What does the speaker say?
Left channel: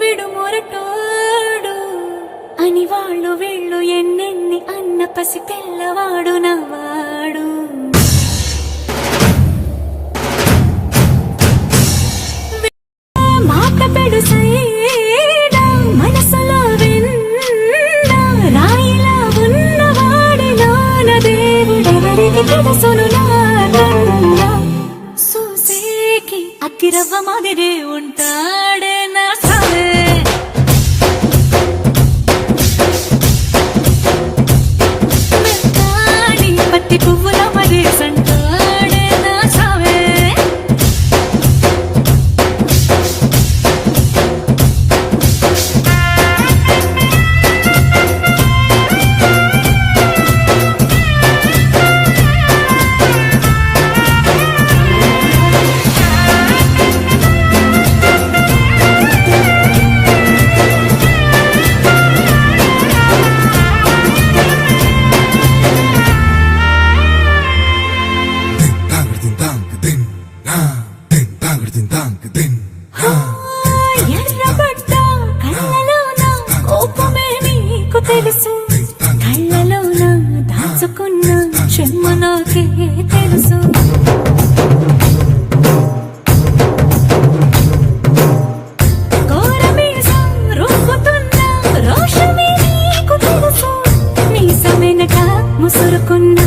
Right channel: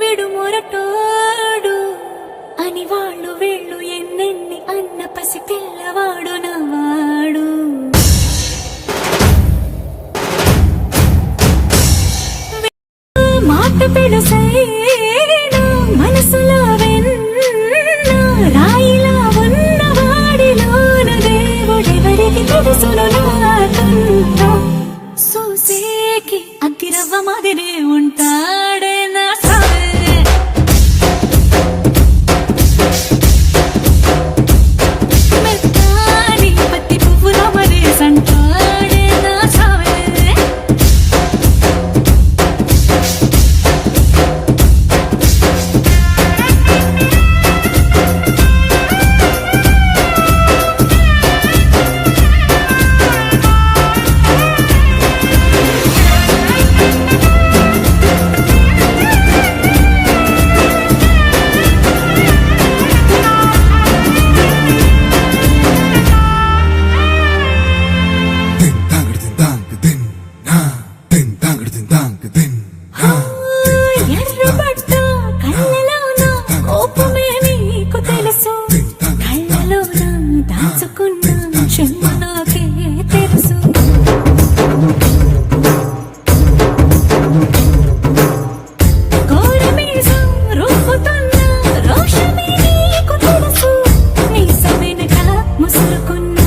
విడు మొరటోడు అని వాళ్ళు వీళ్ళు ఎన్నెన్ని అన్న పసి పిల్లవాడు నవ్వాడు. మాట పెడుసైనా మనసులో వెన్న రాయిలా ఉన్నవాడిలోన దేవుడెవరికి తెలుసును నాకన్నా. సూసేకి అగ్గిరవ్వ మాదిరే ఉంటాడే నా సావే. మెత్తాని పత్తి పువ్వుల మరేసంటాడే నా సావే. ఎర్రబడ్డ కళ్ళలోన కోపమే నీకు తెలుసు, కళ్ళలోన దాచుకున్న చెమ్మ నాకే తెలుసు. కోరమీసం రుబ్బుతున్న రోషమే నీకు తెలుసు, మీసమెనక ముసురుకున్న